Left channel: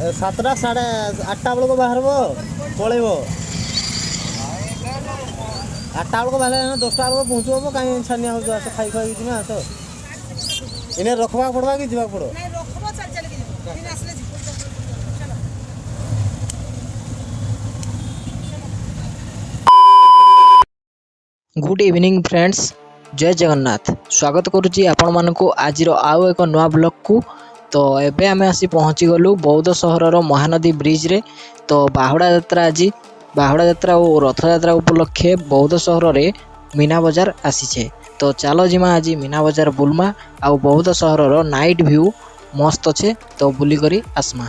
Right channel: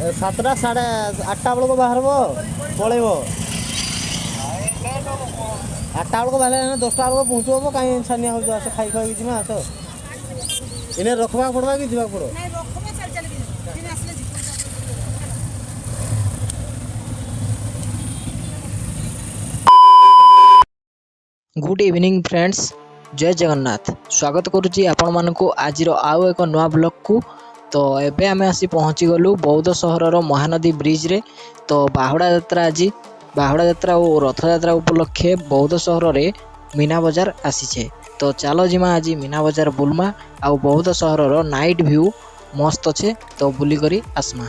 7ଟା 8:30 ବେଳକୁ ବାହାରିବ ପଳେଇବ। 8ଟା ବେଳକୁ ବାହାରିଲେ 10ଟା ବେଳକୁ ପହଞ୍ଚିବ। କାହିଁ ଛାନିଆ ହେଉଛ? ଆସ ଖାଇ ଖୁଆକି ଯିବା। ଆସ ଏନେ ରଖବାକୁ ପଡ଼ବା କି ଯିବାକୁ ପଡ଼ିବ? गुड इवनिंग फ्रेंड्स, जय जगन्नाथ। स्वागत करुच्ची आपण मानक आज आउ एक नुआ ब्लॉग को। तो एबे आमे आसी पहुँची गलु बौद्ध सहर महानदी ब्रिज रे। तो बाहुड़ा यात्रा आज बाहुड़ा यात्रा और रथ यात्रा उपलक्षे बौद्ध सहर रे मीना बजार आसीछे। तो चलो जिमा आज मीना बजार बुलमा आउ बौद्ध सहर नाइट व्यू मस्त अच्छे। तो बुली करी आसमा।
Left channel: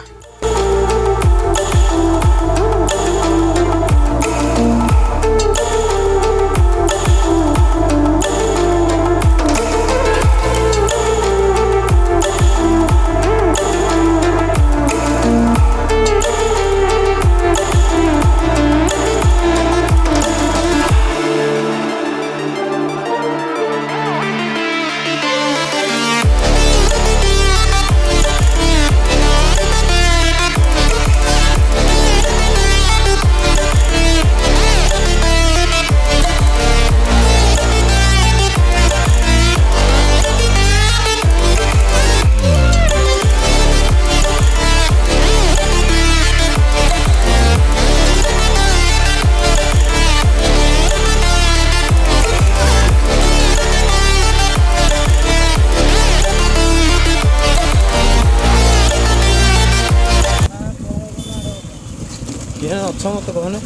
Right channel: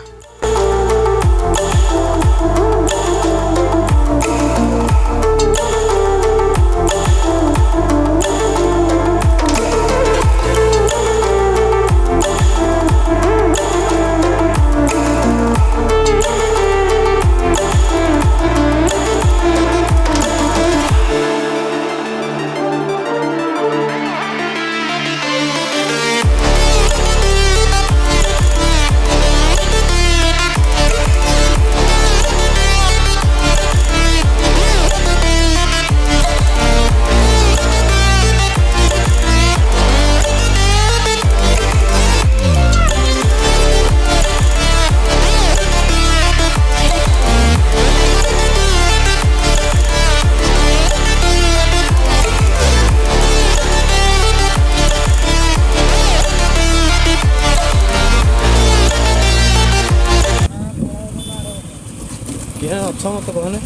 କିଏ ଅଛ ମତେ କହନେ?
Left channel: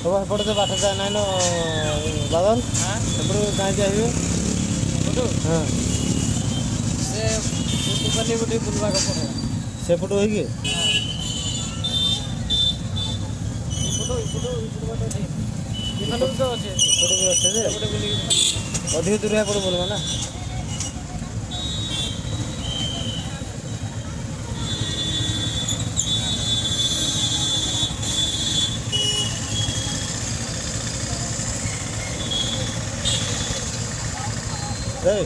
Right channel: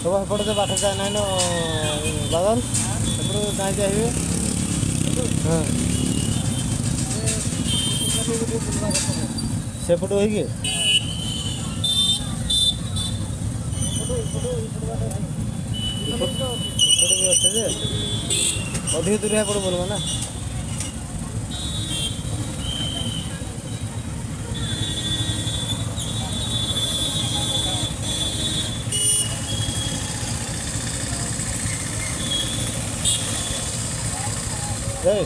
ସବୁ ଏପଟେ ତ ବାଟ ଯାଏ ନାଇଁ ନ ବାଦଲ ଏପଟୁ ଯାଇ ଆସିବେ। ହଁ ସେପଟୁ ହେଇକି ଏପଟେ ବି ଅଛି ଯେ ଅଧିକ ଦୂର ଏପଟେ ବୁଲବା ନା। Hey.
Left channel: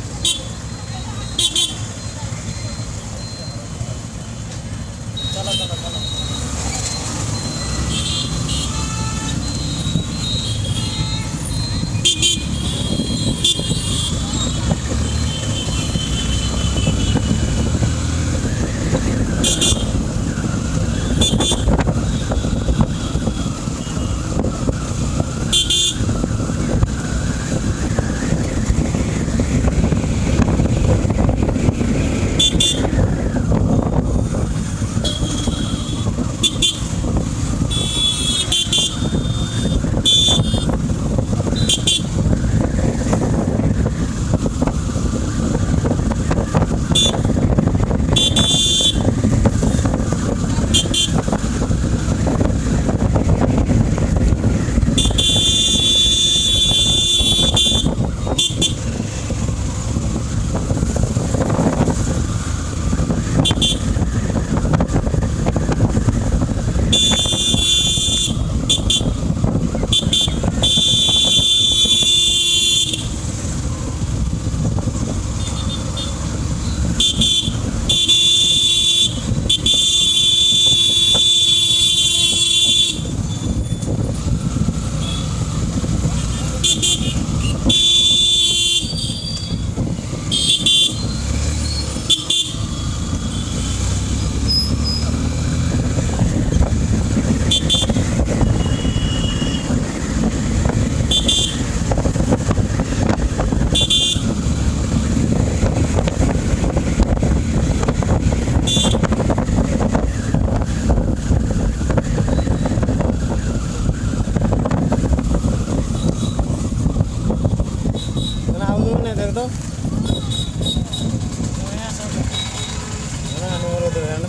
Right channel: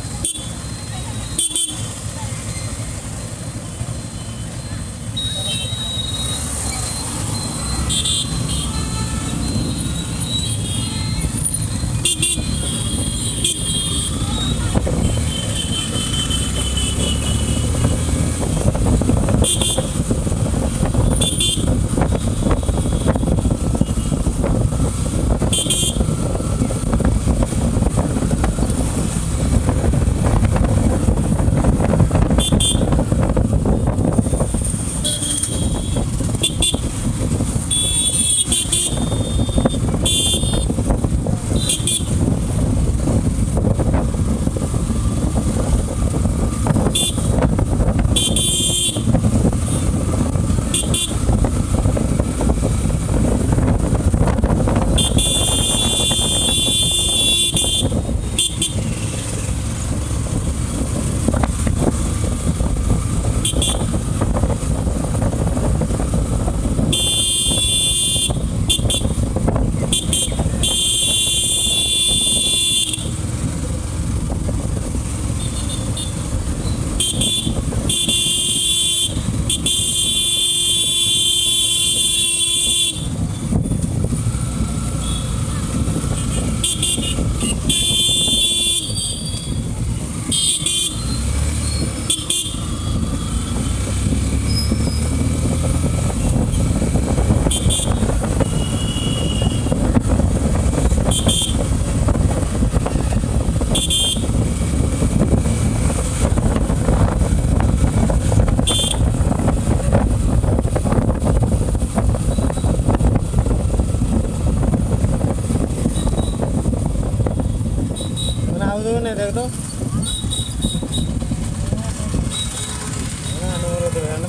नहीं देख तो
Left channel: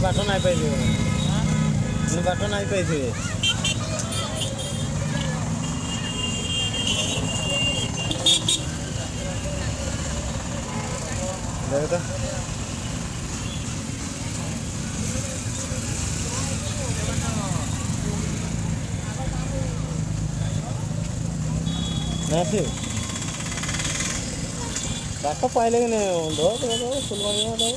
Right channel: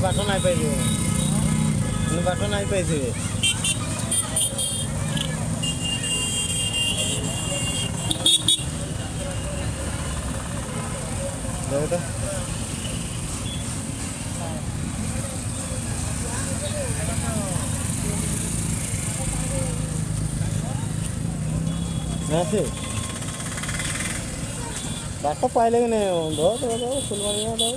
बाट नहीं पाई बाट नहीं पाई देख तो नहीं बाट पाइले कि नहीं दो फुलवाणिया दो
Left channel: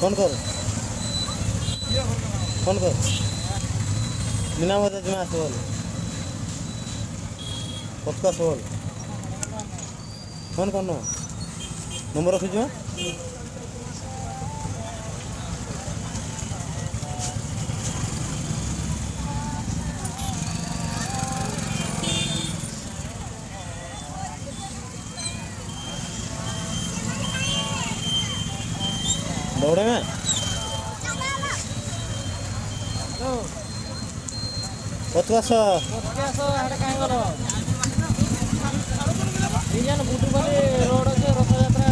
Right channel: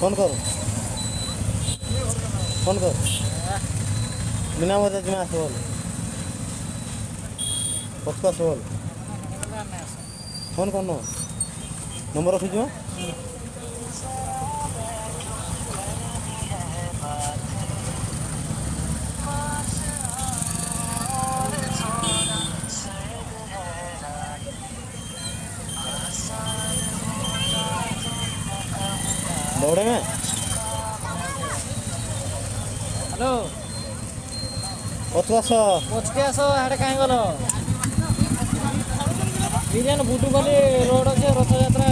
फोन कर मीना मत तुम्हें आस बोल कत आस बोल फोन कर नंबर रखी दौड़े में हेलो कत आस हेड कहीं गल बिरियान बुटुकाली रोड अच्छे रथ यात्रा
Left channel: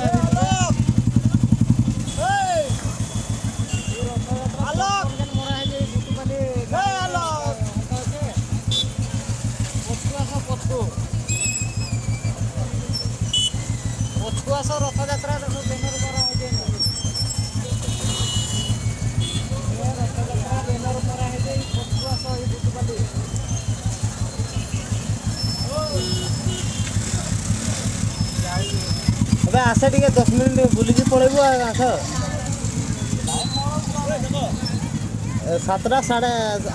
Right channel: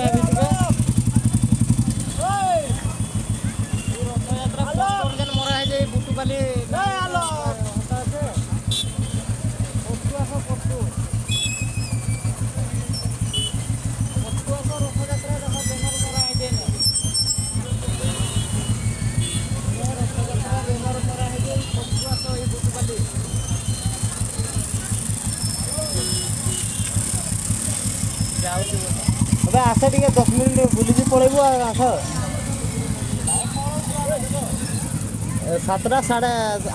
अबे आसे टे 10 मिनट बुलिकी पलैबू आस 7टा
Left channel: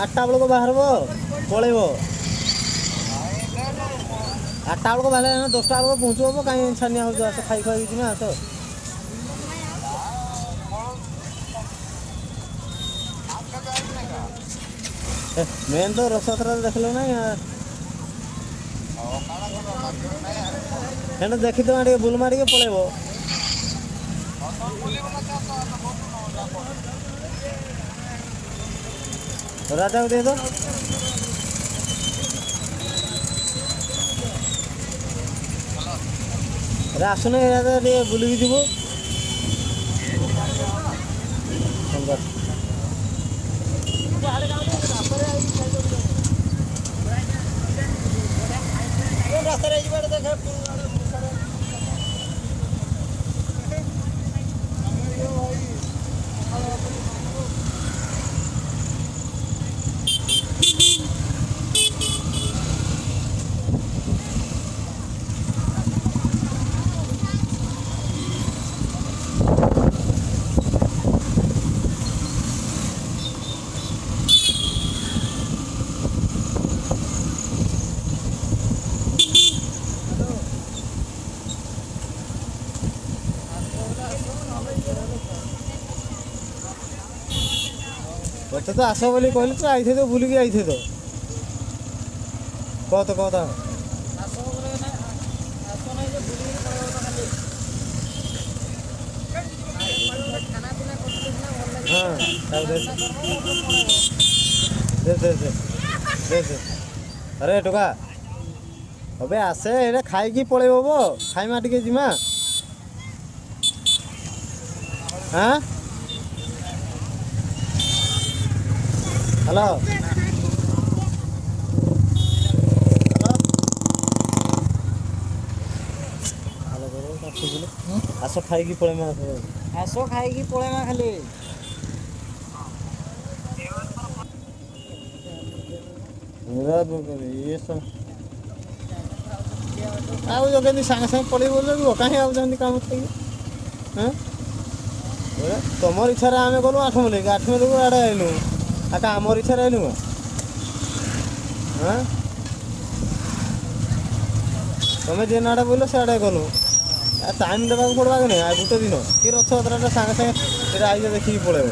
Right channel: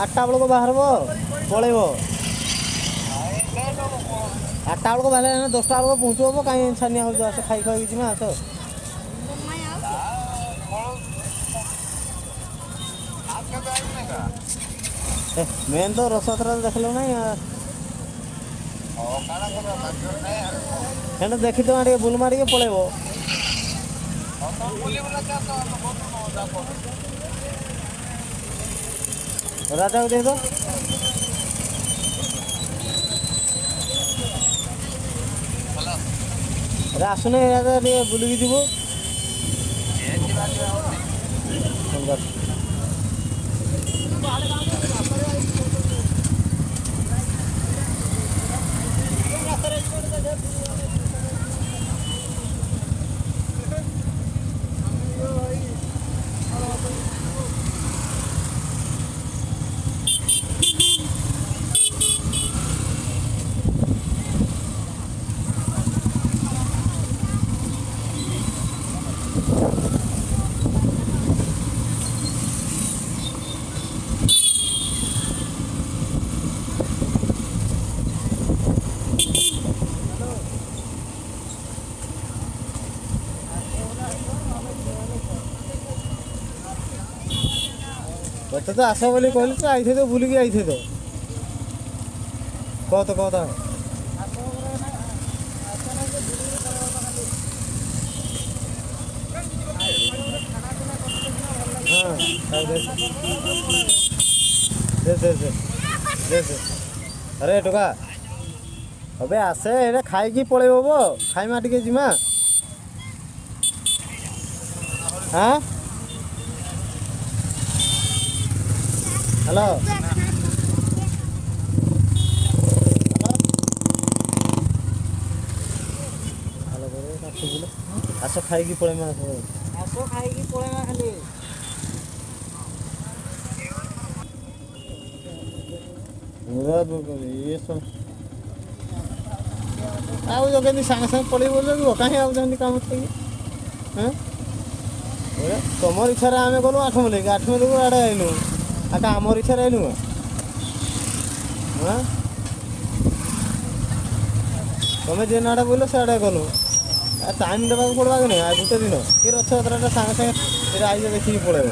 8टा बेलू बाहर पलैब 8टा बेलू बाहर 10टा बेलू पहुँचब कहीं छानिया हो आस खाई खाई जी आस मेन तो रथयात्रा देखल ना हेन देखी तो बुल मार पलैब राजा को दे दो अरे आसुन राजा टे बुलिकी जीवु मत तो आस बोली कहले तो आई तो बुलिकी आई तो कह तो हाँ दे अरे टोका अबे आसे ये खाई पलैब खाइमा टे जीमा हाँ हेलो हेलो बोले आस खाई पलैमा ଆସ ଖାଇକି ପଳେଇବା ଖାଲି ये सब आउ जो कहते सागे सागे पलि बोल कहीं आउँ काम हाँ तुम इच्छा आम गलु 8 मिले 8 मिले आड़े आइलु आटा आमर इच्छा आइलु हाँ तुम्हें जेन आड़े बोल से आड़े गलु टाइम देवा पड़वा कि नहीं आ गोटे दिन कि रथ यात्रा सागे सागे आइज देखिए पलैब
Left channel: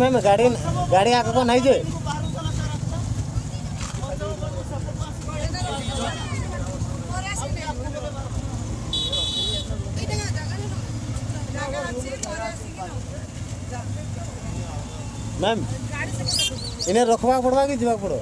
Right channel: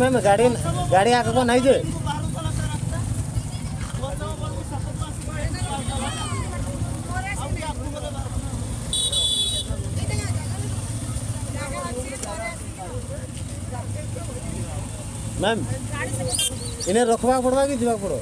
मैम गाड़ी आगे को नहीं जे मैम इन्हें रखवा पड़वा कि जीवा पड़ो